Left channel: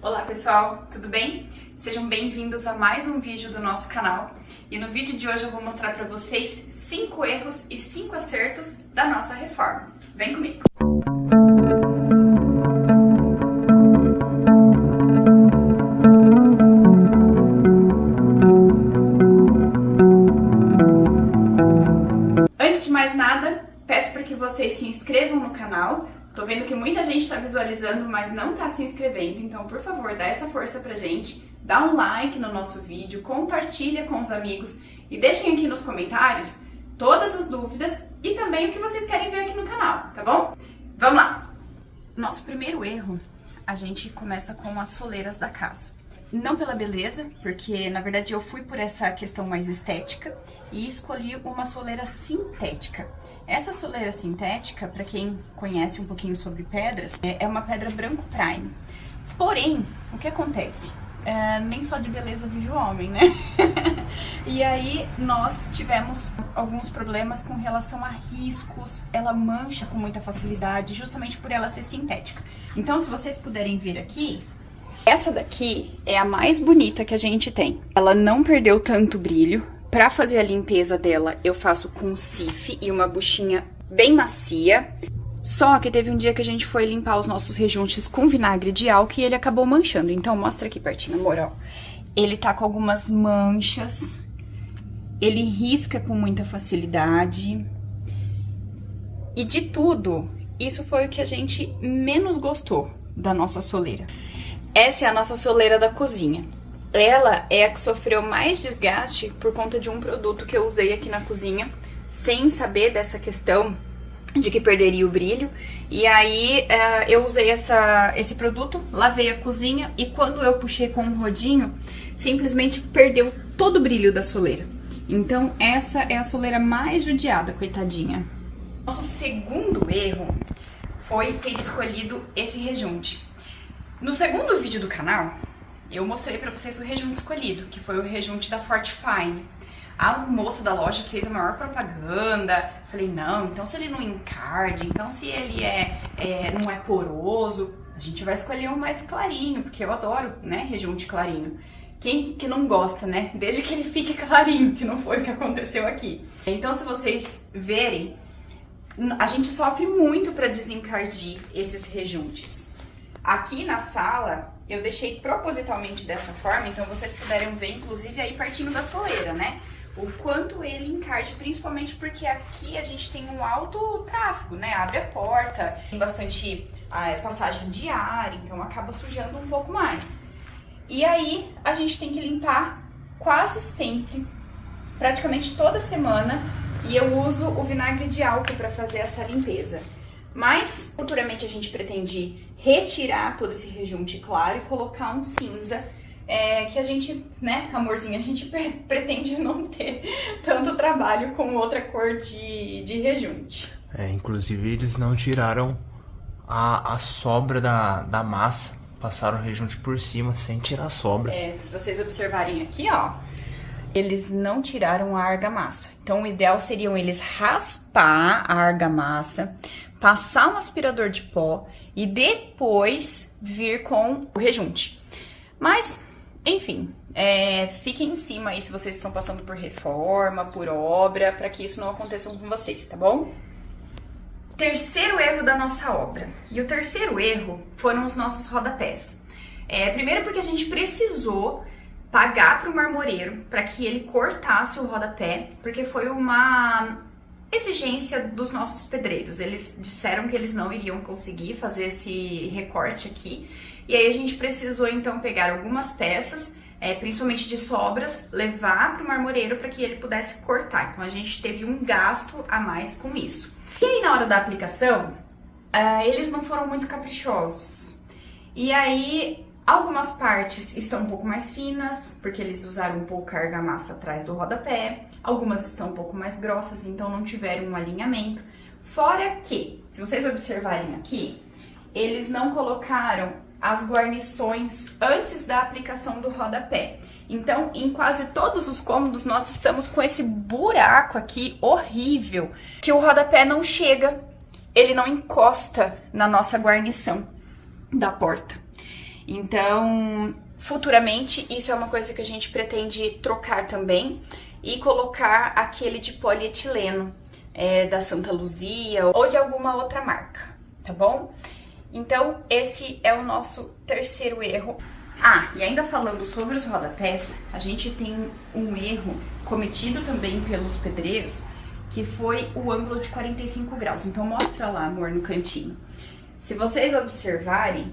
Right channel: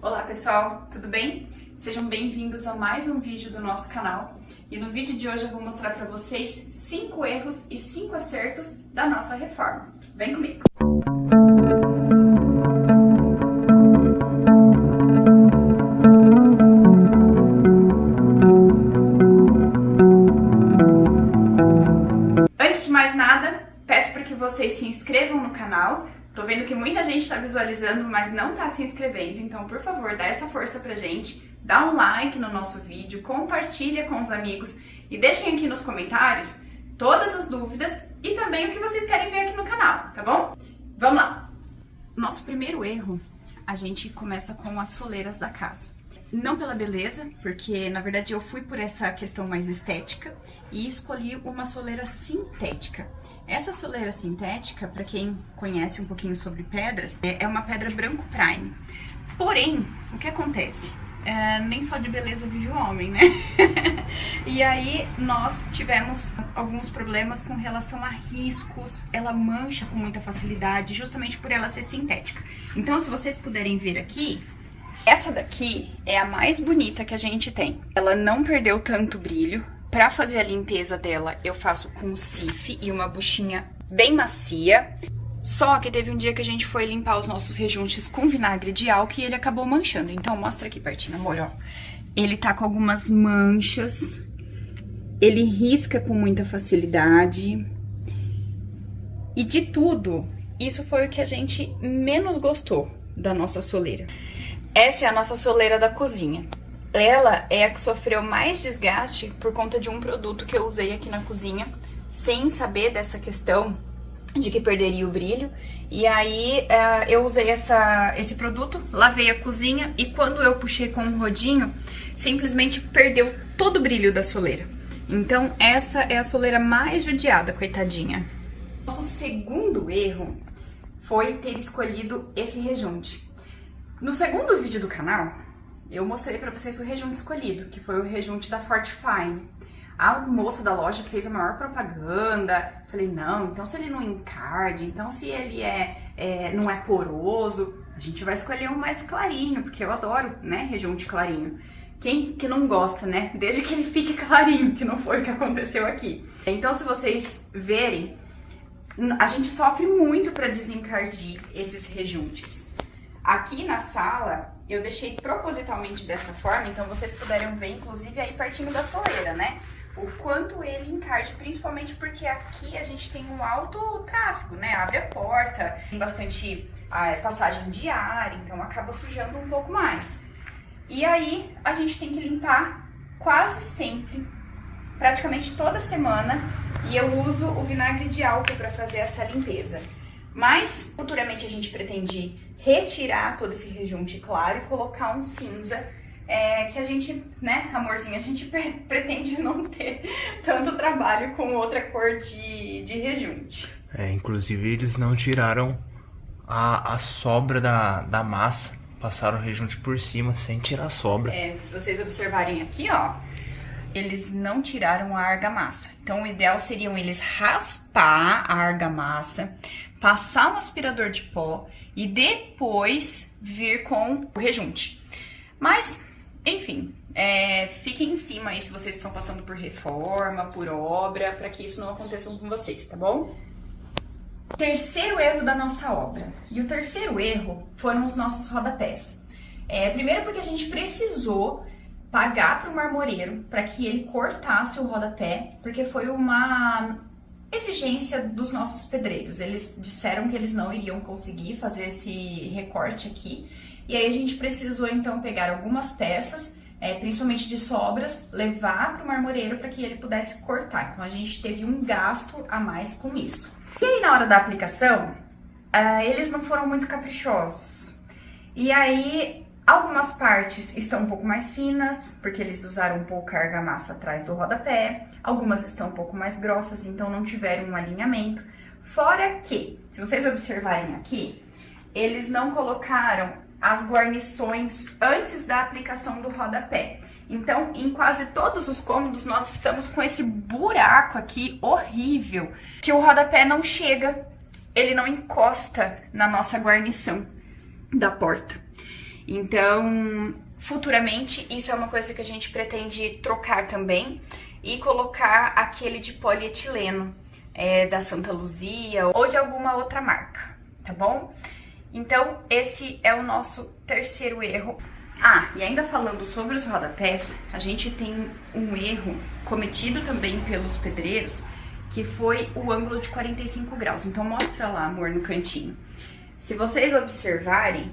Olá pessoal, tudo bem? Sejam bem-vindos a mais um vídeo do nosso canal. E no vídeo de hoje eu vou mostrar para vocês 5 erros e 5 acertos da nossa reforma. Vem comigo! Antes de mais nada, peço para que vocês se inscrevam no canal. Tô vendo que muita gente está visualizando, mas não tá se inscrevendo, então por favor, dá essa força pra gente, dá um like no nosso vídeo, compartilha com os amigos e deixem aqui nos comentários todas as dúvidas e também o que vocês querem ver aqui no canal, tá bom? Vamos lá! Nosso primeiro erro, a gente começa com as soleiras da casa. Não pela beleza, porque na verdade eu fui por essa questão mais estética e escolhi uma soleira sintética. Essa soleira sintética, para quem conhece um pouquinho sobre pedras, é uma pedra branco prime. Porém, o que acontece? Nem só de beleza vive o homem, né? E aí nós tivemos alguns problemas com relação a riscos, ela mancha com muita facilidade, justamente por ela ser sintética. Então, se vocês puderem ver aqui, essa daqui é a mais bonita que a gente tem. Ela não perdeu tanto brilho. Pra fazer a limpeza dela, eu faço com sif e uma buchinha bem macia. Só que teve um dia que a gente foi limpar os nossos rejuntes com vinagre de álcool e ele acabou manchando. Então, mostra aqui pertinho, amor, ó. Ele tá com algumas manchas. Ele risca com muita facilidade. E de tudo, isso foi o que a gente menos gostou da nossa soleira. Essa é a nossa soleira da cozinha. Ela é a que sofreu mais desgaste por conta de um produto que eu usei aqui na cozinha, sem saber dessa questão de que perderia o brilho. E aí eu usei esse produto, lavei a cozinha e quando eu puxei com um rodinho, simplesmente perdeu todo o brilho da soleira. Então essa é a soleira mais judiada, coitadinha. Nosso segundo erro foi ter escolhido esse rejunte. No segundo vídeo do canal, eu mostrei pra vocês o rejunte escolhido, que foi o rejunte da Fortifine. A moça da loja fez a maior propaganda, falei, não, então se ele não encarde, então se ele não é poroso, a gente vai escolher um mais clarinho, porque eu adoro, né, rejunte clarinho. Quem que não gosta, né, desde que ele fique clarinho, que não foi o que aconteceu aqui. Então se vocês verem, a gente sofre muito pra desencardir esses rejuntes. Aqui na sala, eu deixei propositalmente dessa forma, então vocês puderem ver, inclusive, aí partindo da soleira, né? O quanto ele encarde, principalmente porque aqui a gente tem um alto tráfego, né? Abre a porta, tem bastante passagem de ar, então acaba sujando um pouco mais. E aí, a gente tem que limpar quase sempre, praticamente toda semana, e eu uso o vinagre de álcool para fazer essa limpeza. Mas, futuramente, a gente pretende retirar todo esse rejunte claro e colocar um cinza, que a gente, né, amorzinho, a gente pretende não ter tanto trabalho com outra cor de rejunte. Inclusive eles não tiraram a sobra da massa, passaram o rejunte por cima sem tirar a sobra. Se vocês observarem aqui, ó, eles não tiraram a argamassa. Então, o ideal seriam eles raspar a argamassa, passar um aspirador de pó e depois vir com o rejunte. Mas, enfim, fiquem em cima aí se vocês estão passando por reforma, por obra, para que isso não aconteça com vocês, tá bom? Terceiro erro da nossa obra. E o terceiro erro foram os nossos rodapés. Primeiro porque a gente precisou pagar para o marmoreiro para que ele cortasse o rodapé, porque foi uma exigência dos nossos pedreiros. Eles disseram que eles não iriam conseguir fazer esse recorte aqui, e aí a gente precisou então pegar algumas peças, principalmente de sobras, levar para o marmoreiro para que ele pudesse cortar. Então a gente teve um gasto a mais com isso. E aí na hora da aplicação, eles não foram muito caprichosos. E aí algumas partes estão um pouco mais finas, porque eles usaram um pouco a argamassa atrás do rodapé. Algumas estão um pouco mais grossas, então não tiveram um alinhamento. Fora que, se vocês observarem aqui, eles não colocaram as guarnições antes da aplicação do rodapé. Então, em quase todos os cômodos, nós estamos com esse buraco aqui horrível, que o rodapé não chega, ele não encosta na nossa guarnição da porta. Então, futuramente, isso é uma coisa que a gente pretende trocar também e colocar aquele de polietileno da Santa Luzia ou de alguma outra marca, tá bom? Então, esse é o nosso terceiro erro. Ah, e ainda falando sobre os rodapés, a gente tem um erro cometido também pelos pedreiros, que foi o ângulo de 45 graus. Então, mostra lá, amor, no cantinho. Se vocês observarem,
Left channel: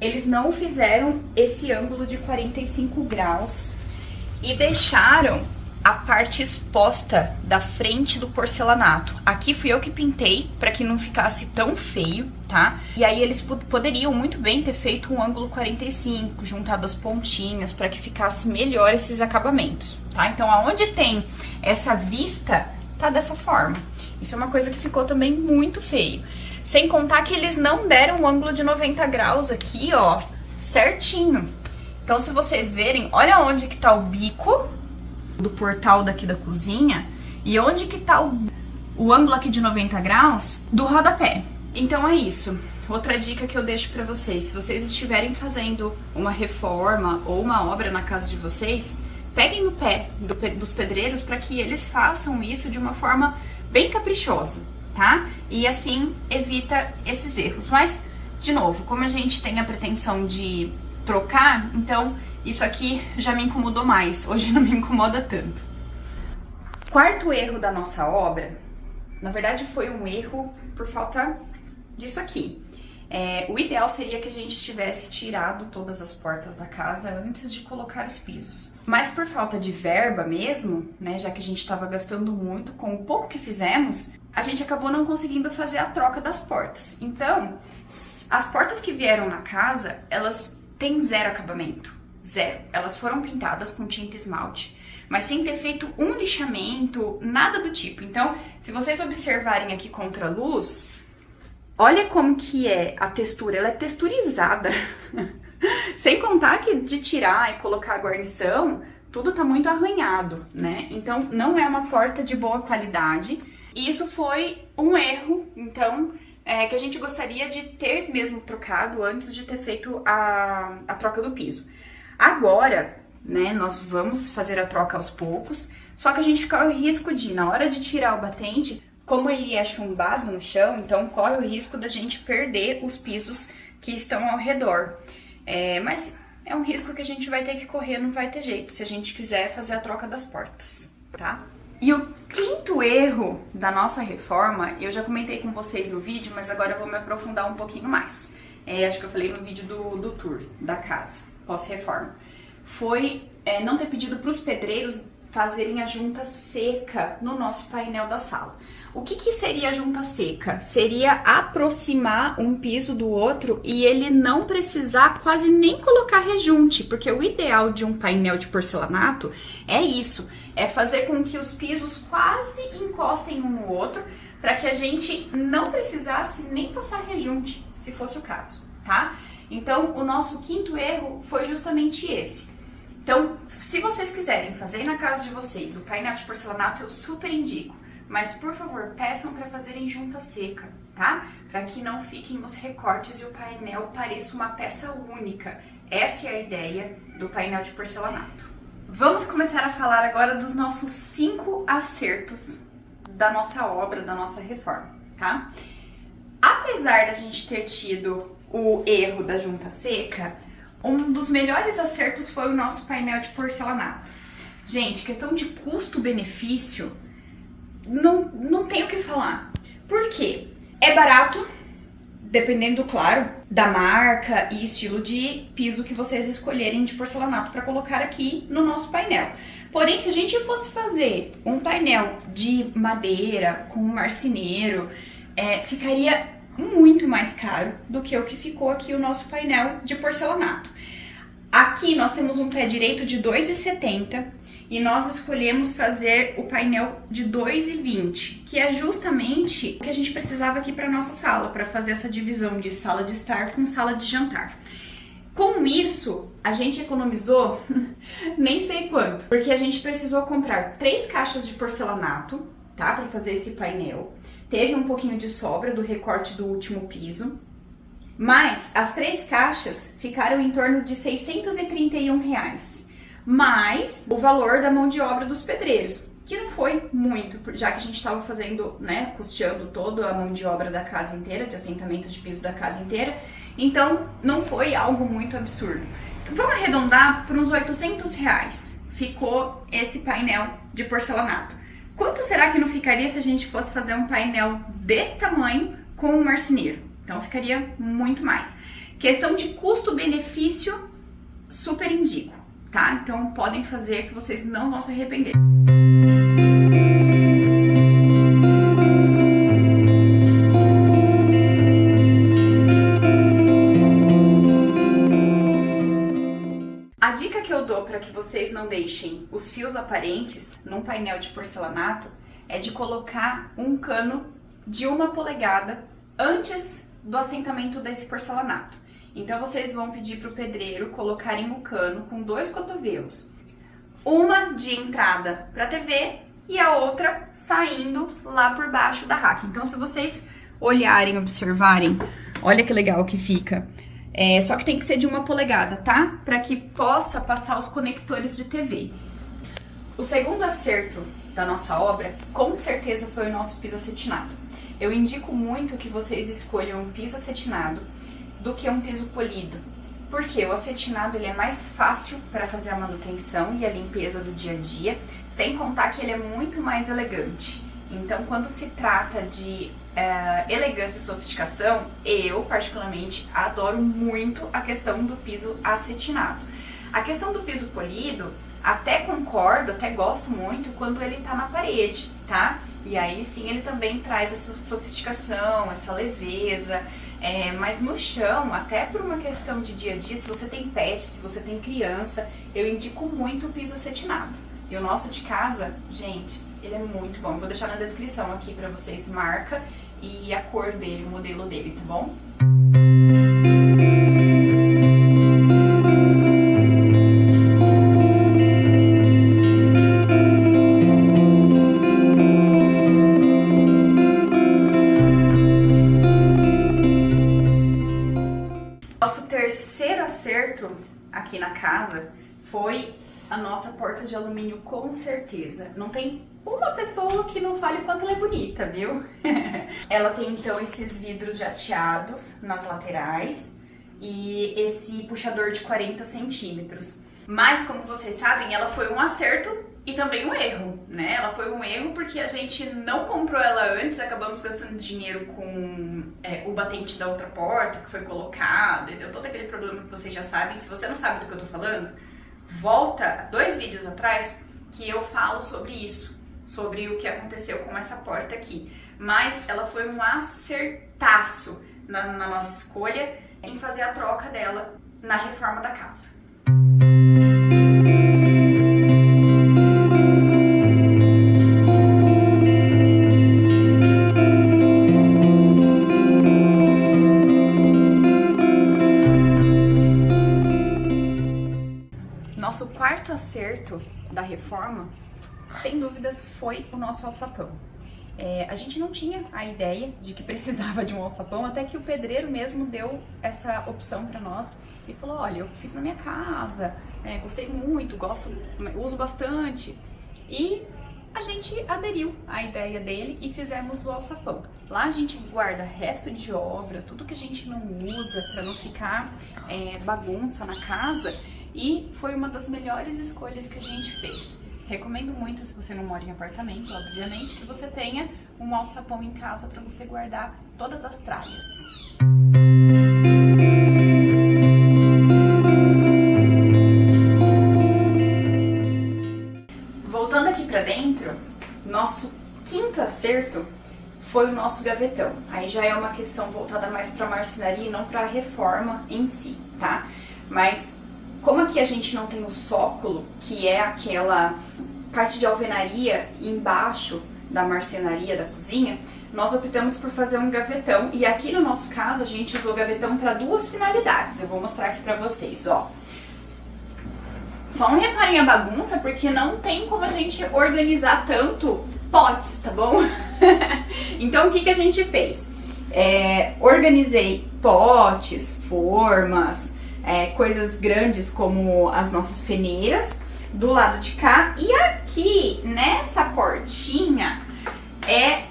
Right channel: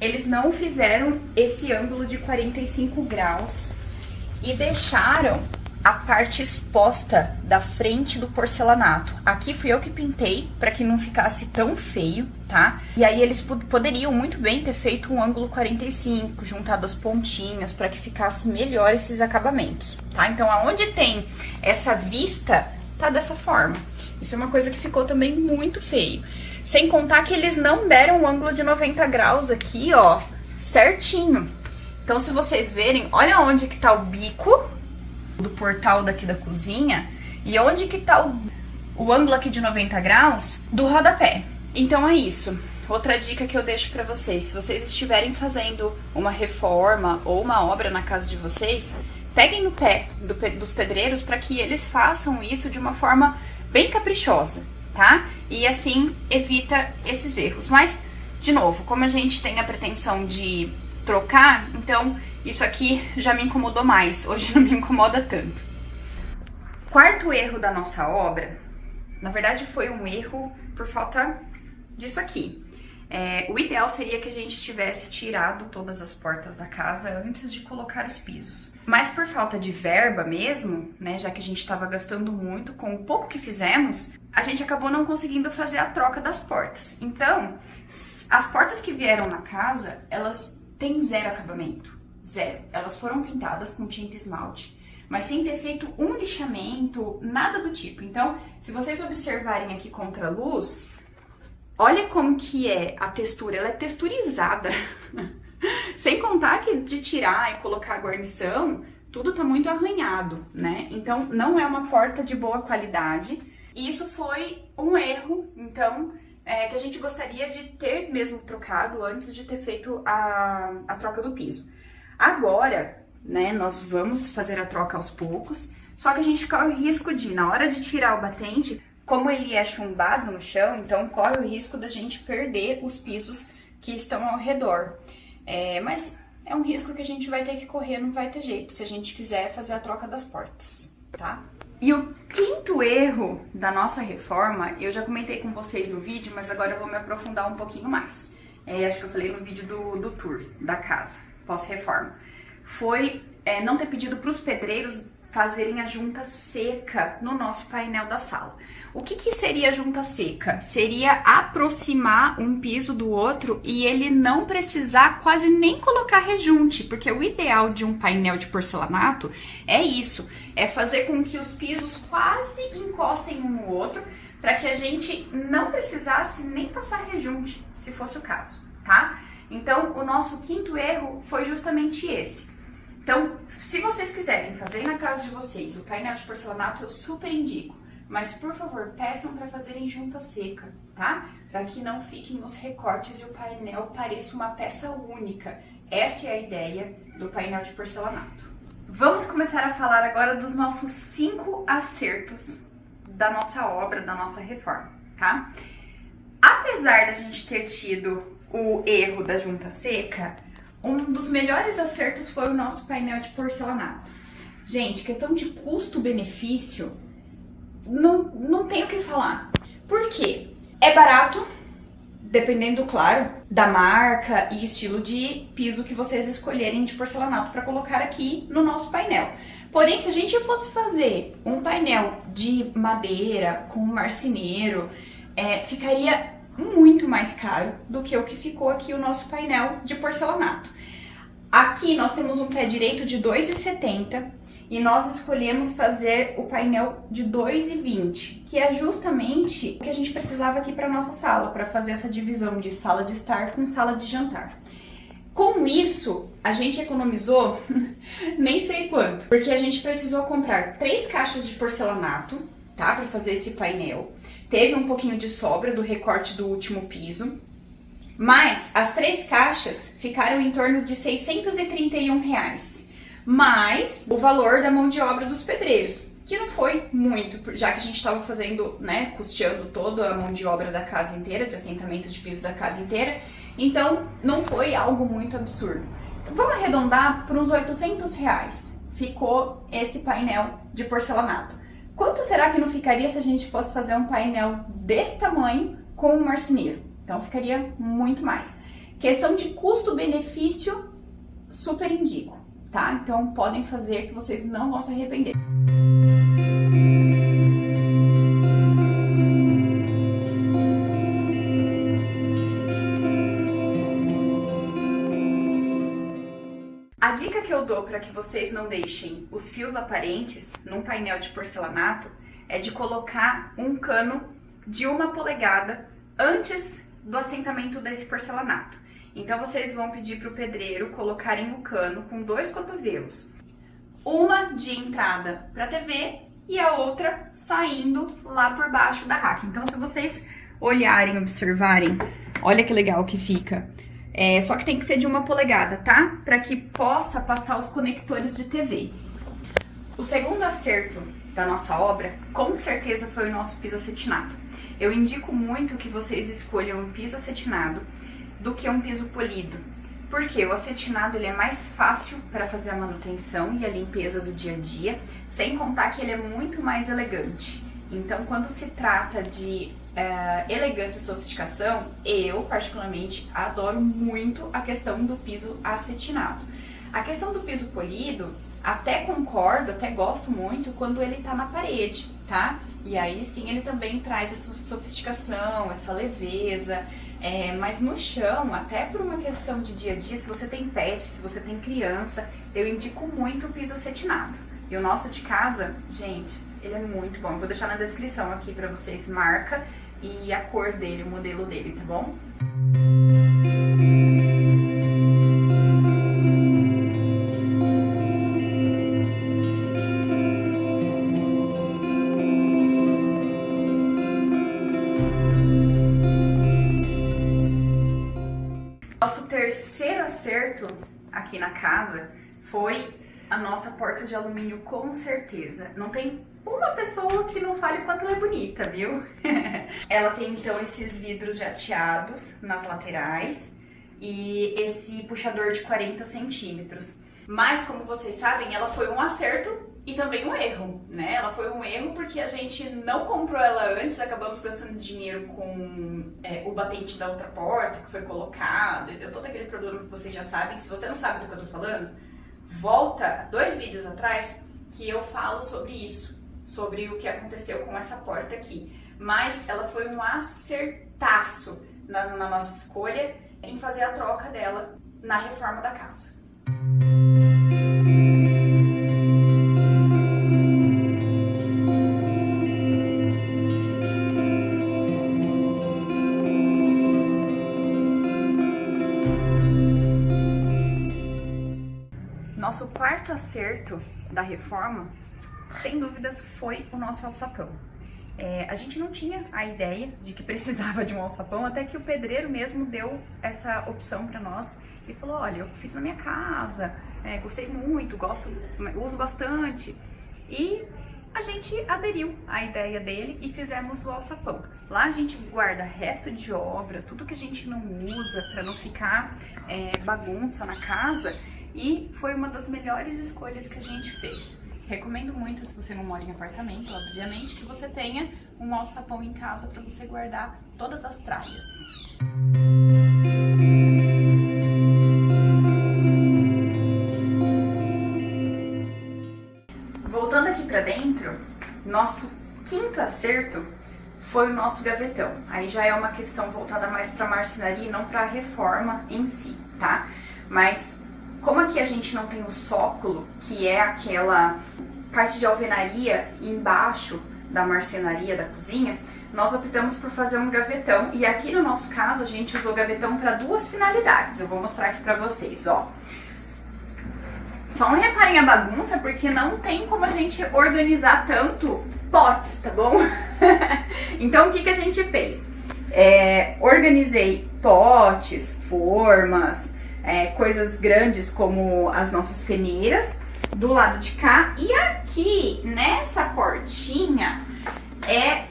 eles não fizeram esse ângulo de 45 graus e deixaram a parte exposta da frente do porcelanato. Aqui fui eu que pintei para que não ficasse tão feio, tá? E aí eles poderiam muito bem ter feito um ângulo 45, juntado as pontinhas para que ficasse melhor esses acabamentos, tá? Então, aonde tem essa vista, tá dessa forma. Isso é uma coisa que ficou também muito feio. Sem contar que eles não deram um ângulo de 90 graus aqui, ó, certinho. Então, se vocês verem, olha onde que tá o bico do portal daqui da cozinha e onde que tá o ângulo aqui de 90 graus do rodapé. Então é isso. Outra dica que eu deixo pra vocês, se vocês estiverem fazendo uma reforma ou uma obra na casa de vocês, peguem no pé dos pedreiros para que eles façam isso de uma forma bem caprichosa, tá? E assim evita esses erros. Mas, de novo, como a gente tem a pretensão de trocar, então isso aqui já me incomodou mais, hoje não me incomoda tanto. Quarto erro da nossa obra, na verdade foi um erro por falta disso aqui. O ideal seria que a gente tivesse tirado todas as portas da casa antes de colocar os pisos. Mas por falta de verba mesmo, né, já que a gente estava gastando muito com o pouco que fizemos, a gente acabou não conseguindo fazer a troca das portas. Então, as portas que vieram na casa, elas têm zero acabamento. Zero. Elas foram pintadas com tinta esmalte, mas sem ter feito um lixamento, nada do tipo. Então, se vocês observarem aqui contra a luz, olha como que é a textura, ela é texturizada. Sem contar que de tirar e colocar a guarnição, tudo tá muito arranhado, né? Então, não é uma porta de boa qualidade. E isso foi um erro, então, que a gente gostaria de ter mesmo trocado antes de ter feito a troca do piso. Agora, né, nós vamos fazer a troca aos poucos, só que a gente corre o risco de, na hora de tirar o batente, como ele é chumbado no chão, então corre o risco da gente perder os pisos que estão ao redor. Mas é um risco que a gente vai ter que correr, não vai ter jeito, se a gente quiser fazer a troca das portas, tá? E o quinto erro da nossa reforma, eu já comentei com vocês no vídeo, mas agora eu vou me aprofundar um pouquinho mais. Acho que eu falei no vídeo do tour da casa, pós-reforma. Foi não ter pedido para os pedreiros fazerem a junta seca no nosso painel da sala. O que seria a junta seca? Seria aproximar um piso do outro e ele não precisar quase nem colocar rejunte, porque o ideal de um painel de porcelanato é isso, é fazer com que os pisos quase encostem um no outro, para que a gente não precisasse nem passar rejunte, se fosse o caso, tá? Então, o nosso quinto erro foi justamente esse. Então, se vocês quiserem fazer na casa de vocês o painel de porcelanato, eu super indico. Mas, por favor, peçam para fazerem junta seca, tá? Para que não fiquem os recortes e o painel pareça uma peça única. Essa é a ideia do painel de porcelanato. Vamos começar a falar agora dos nossos 5 acertos da nossa obra, da nossa reforma, tá? Apesar da gente ter tido o erro da junta seca, um dos melhores acertos foi o nosso painel de porcelanato. Gente, questão de custo-benefício, não tem o que falar. Por quê? É barato, dependendo, claro, da marca e estilo de piso que vocês escolherem de porcelanato para colocar aqui no nosso painel. Porém, se a gente fosse fazer um painel de madeira com marceneiro, ficaria muito mais caro do que o que ficou aqui o nosso painel de porcelanato. Aqui nós temos um pé direito de 2,70 e nós escolhemos fazer o painel de 2,20, que é justamente o que a gente precisava aqui para nossa sala, para fazer essa divisão de sala de estar com sala de jantar. Com isso, a gente economizou nem sei quanto, porque a gente precisou comprar 3 caixas de porcelanato, tá, para fazer esse painel. Teve um pouquinho de sobra do recorte do último piso. Mas as 3 caixas ficaram em torno de R$631, mais o valor da mão de obra dos pedreiros, que não foi muito, já que a gente estava fazendo, né, custeando toda a mão de obra da casa inteira, de assentamento de piso da casa inteira, então não foi algo muito absurdo. Então, vamos arredondar para uns R$800. Ficou esse painel de porcelanato. Quanto será que não ficaria se a gente fosse fazer um painel desse tamanho com um marceneiro? Então ficaria muito mais. Questão de custo-benefício, super indico, tá? Então podem fazer que vocês não vão se arrepender. A dica que eu dou para que vocês não deixem os fios aparentes num painel de porcelanato é de colocar um cano de 1 polegada antes do assentamento desse porcelanato. Então vocês vão pedir para o pedreiro colocarem o cano com 2 cotovelos, uma de entrada para a TV e a outra saindo lá por baixo da rack. Então se vocês olharem, observarem, olha que legal que fica. Só que tem que ser de 1 polegada, tá? Para que possa passar os conectores de TV. O segundo acerto da nossa obra, com certeza, foi o nosso piso acetinado. Eu indico muito que vocês escolham um piso acetinado do que um piso polido, porque o acetinado ele é mais fácil para fazer a manutenção e a limpeza do dia a dia, sem contar que ele é muito mais elegante. Então, quando se trata de elegância e sofisticação, eu particularmente adoro muito a questão do piso acetinado. A questão do piso polido, até concordo, até gosto muito quando ele tá na parede, tá? E aí sim ele também traz essa sofisticação, essa leveza, mas no chão, até por uma questão de dia a dia, se você tem pet, se você tem criança, eu indico muito o piso acetinado. E o nosso de casa, gente, ele é muito bom. Eu vou deixar na descrição aqui pra vocês marca e a cor dele, o modelo dele, tá bom? Nosso terceiro acerto aqui na casa foi a nossa porta de alumínio, com certeza. Não tem uma pessoa que não fale quanto ela é bonita, viu? Ela tem então esses vidros jateados nas laterais e esse puxador de 40 centímetros. Mas, como vocês sabem, ela foi um acerto e também um erro, né? Ela foi um erro porque a gente não comprou ela antes, acabamos gastando dinheiro com o batente da outra porta que foi colocado e deu todo aquele problema que vocês já sabem. Se você não sabe do que eu tô falando, volta 2 vídeos atrás que eu falo sobre isso, sobre o que aconteceu com essa porta aqui. Mas ela foi um acertaço na nossa escolha em fazer a troca dela na reforma da casa. Nosso quarto acerto da reforma, sem dúvidas, foi o nosso alçapão. A gente não tinha a ideia de que precisava de um alçapão, até que o pedreiro mesmo deu essa opção para nós e falou: olha, eu fiz na minha casa, gostei muito, uso bastante. E a gente aderiu à ideia dele e fizemos o alçapão. Lá a gente guarda resto de obra, tudo que a gente não usa para não ficar bagunça na casa. E foi uma das melhores escolhas que a gente fez. Recomendo muito, se você não mora em apartamento, obviamente, que você tenha um alçapão em casa para você guardar todas as tralhas. Voltando aqui para dentro, nosso quinto acerto foi o nosso gavetão. Aí já é uma questão voltada mais para marcenaria e não para a reforma em si, tá? Mas como aqui a gente não tem o sócolo, que é aquela parte de alvenaria embaixo da marcenaria da cozinha, nós optamos por fazer um gavetão. E aqui no nosso caso a gente usou gavetão para 2 finalidades. Eu vou mostrar aqui para vocês, ó. Só não reparem a bagunça, porque não tem como a gente organizar tanto potes, tá bom? Então o que a gente fez? Organizei potes, formas, coisas grandes como as nossas peneiras do lado de cá. E aqui, nessa portinha, é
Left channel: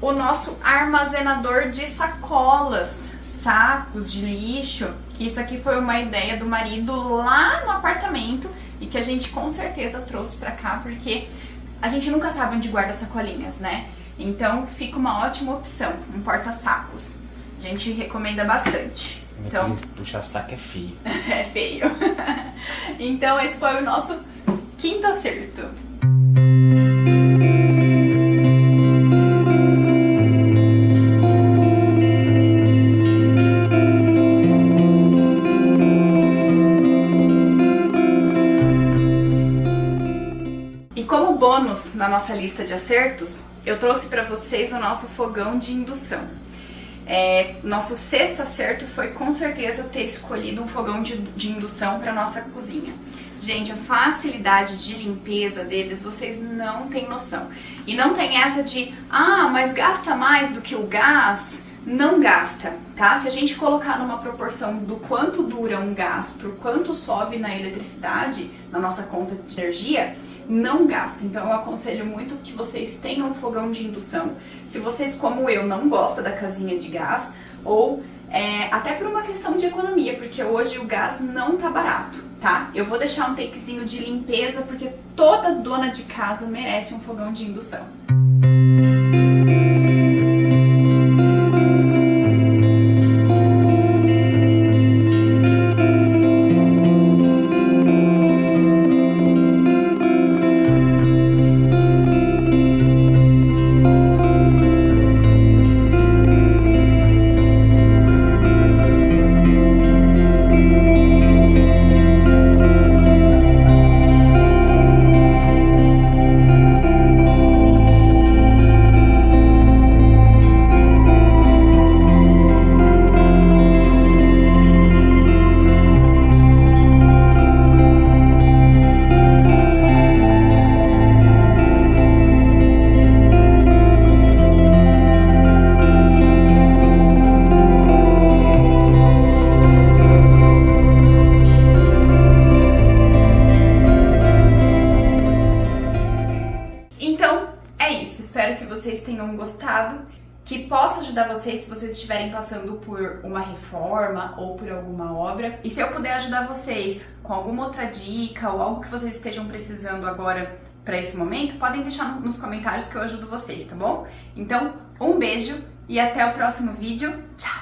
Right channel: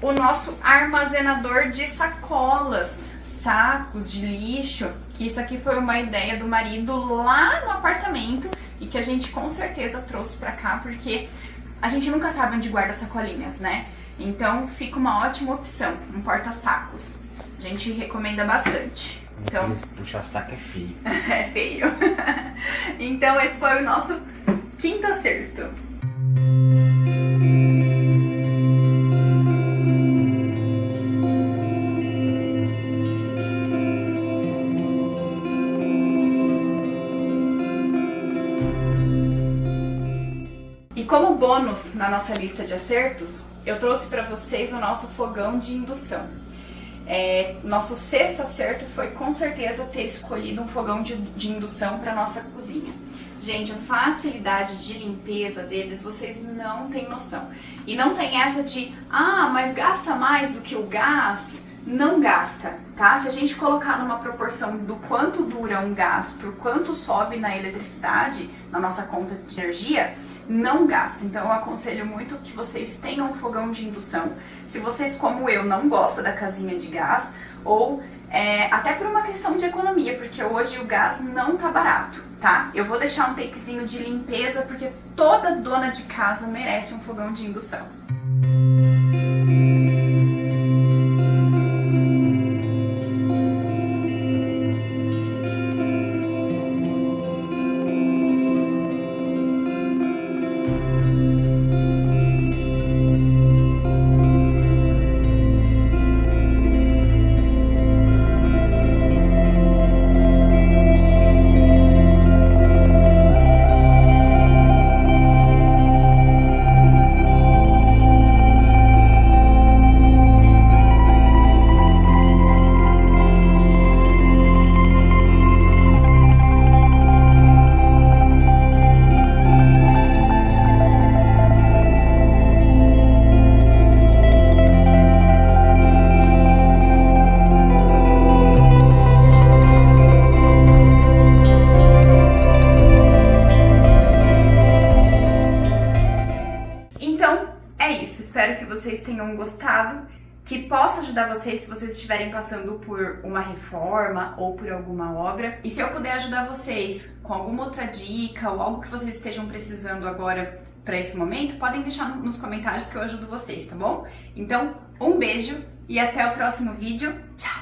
o nosso armazenador de sacolas, sacos de lixo, que isso aqui foi uma ideia do marido lá no apartamento e que a gente com certeza trouxe pra cá, porque a gente nunca sabe onde guarda sacolinhas, né? Então fica uma ótima opção, um porta-sacos. A gente recomenda bastante. Então, puxar saco é feio. É feio. Então esse foi o nosso quinto acerto. E como bônus na nossa lista de acertos, eu trouxe para vocês o nosso fogão de indução. Nosso sexto acerto foi com certeza ter escolhido um fogão de indução para nossa cozinha. Gente, a facilidade de limpeza deles, vocês não têm noção. E não tem essa de, mas gasta mais do que o gás. Não gasta, tá? Se a gente colocar numa proporção do quanto dura um gás pro quanto sobe na eletricidade, na nossa conta de energia, não gasta. Então eu aconselho muito que vocês tenham um fogão de indução. Se vocês, como eu, não gostam da casinha de gás, ou até por uma questão de economia, porque hoje o gás não tá barato, tá? Eu vou deixar um takezinho de limpeza, porque toda dona de casa merece um fogão de indução. Espero que vocês tenham gostado, que possa ajudar vocês se vocês estiverem passando por uma reforma ou por alguma obra. E se eu puder ajudar vocês com alguma outra dica ou algo que vocês estejam precisando agora para esse momento, podem deixar nos comentários que eu ajudo vocês, tá bom? Então, um beijo e até o próximo vídeo. Tchau!